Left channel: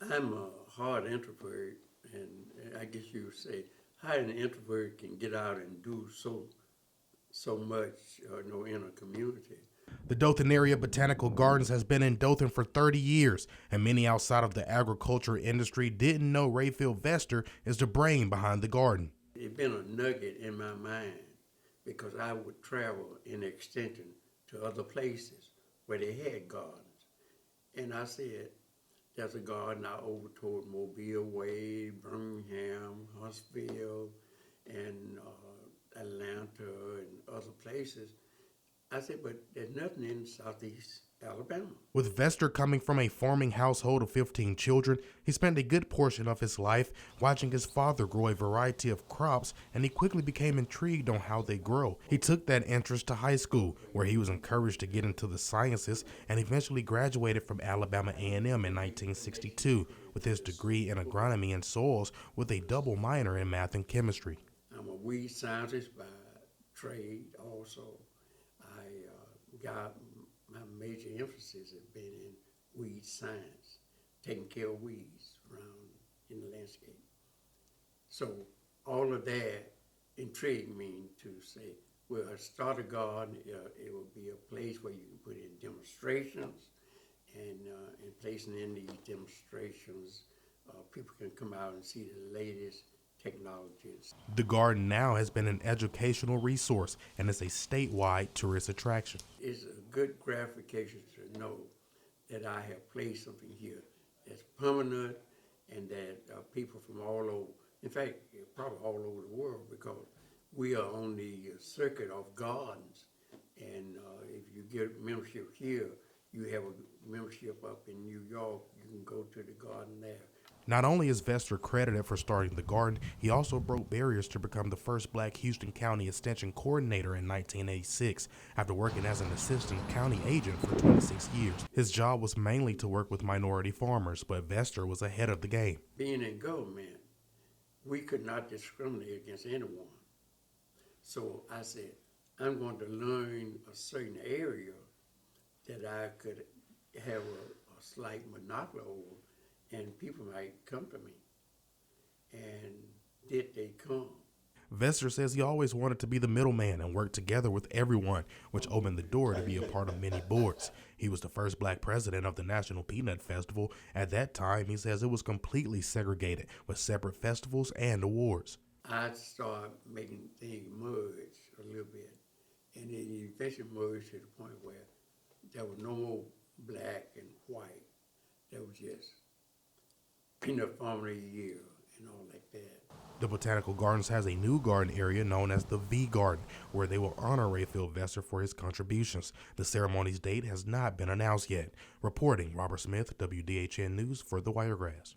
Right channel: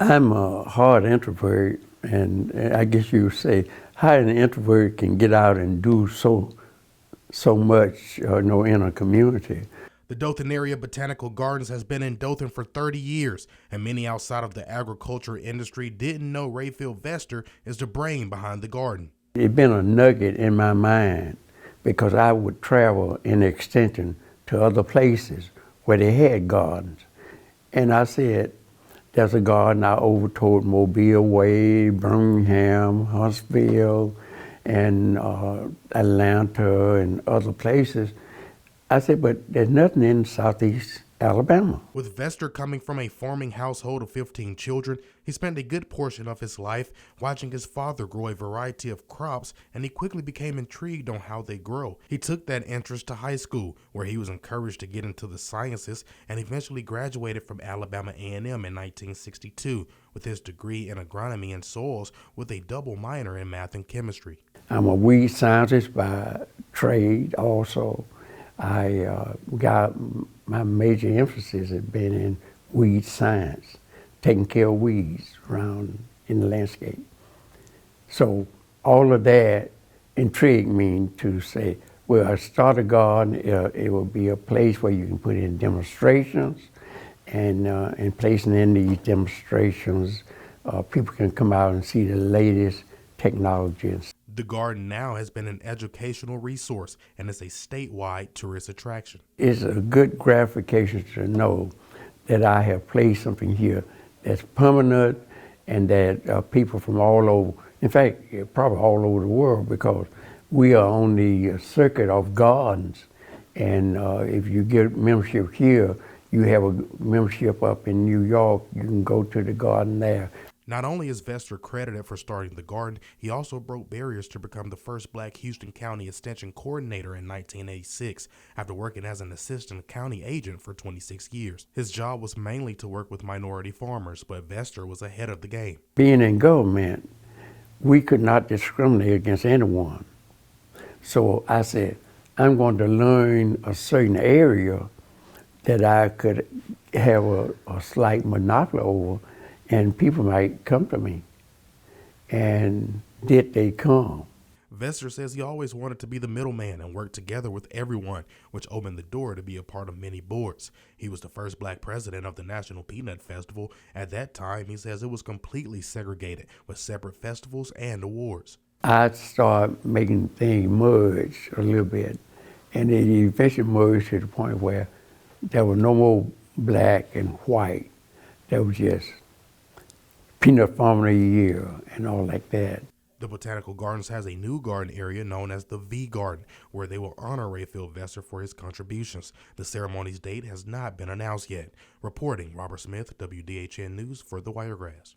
I'm a hard introvert, and I guess you would say how an introvert can get out and do so much, in a community. The Dothan area Botanical Gardens has been in Dothan for 30 years, and many outside of the agriculture industry didn't know Rayfield Vester is the brain behind the garden. It's been a nugget in my mind because I would travel in extension to other places where they had gardens. And I said, there's a garden out over toward Mobile Way, Birmingham, Huntsville, and Atlanta and other places. I said, but there's nothing in Southeast Alabama. With Vester coming from a farming household of 15 children, he spent a good portion of his life watching his father grow a variety of crops, and he quickly became intrigued on how they grow. He took that interest to high school, where he was encouraged to get into the sciences, and eventually graduated from Alabama A&M in 1962 with his degree in agronomy and soils with a double minor in math and chemistry. I'm a weed scientist by trade also. I got my major emphasis has been in weed science, taking care of weeds around in the landscape. So all of that intrigued me to say, well, I start a garden, it will be a place where you can put in demonstrations, and placing in these demonstrations, people can come out and see the latest technologies. The garden now has been an educational resource and is a statewide tourist attraction. It's a good gratification to know that I have placed something here that's permanent and that people from all over, in fact, probably all over the world, because we are on the circuit of gardens. And if you get membership here, you have a membership up in New York, you can go to the garden there. Not only is Vester credited for starting the garden, he also broke barriers to become the first black Houston County Extension Coordinator in 1986 after working as an assistant county agent for 26 years. His job was mainly to work with minority farmers, but Vester was ahead of the game. Being in government, we could not discriminate against anyone. So I said, I'm going to learn a certain area that I could have a slight monopoly over, and people might come to me. And did they come? Vester says he always wanted to be the middleman and work together with everyone, which opened the door to be a part of many boards. He was the first black president of the National Peanut Festival. At that time, he says it was completely segregated with separate festivals and awards. I started making things merge a little bit, and it eventually merged to the point where there was no more black and white. There was just peanut farmer of the year and all like that. The Botanical Gardens has a new garden area known as the V Garden, where they will honor Rayfield Vester for his contributions. The ceremony's date has not been announced yet. Reporting, Robert Smith, WDHN News for The Wiregrass.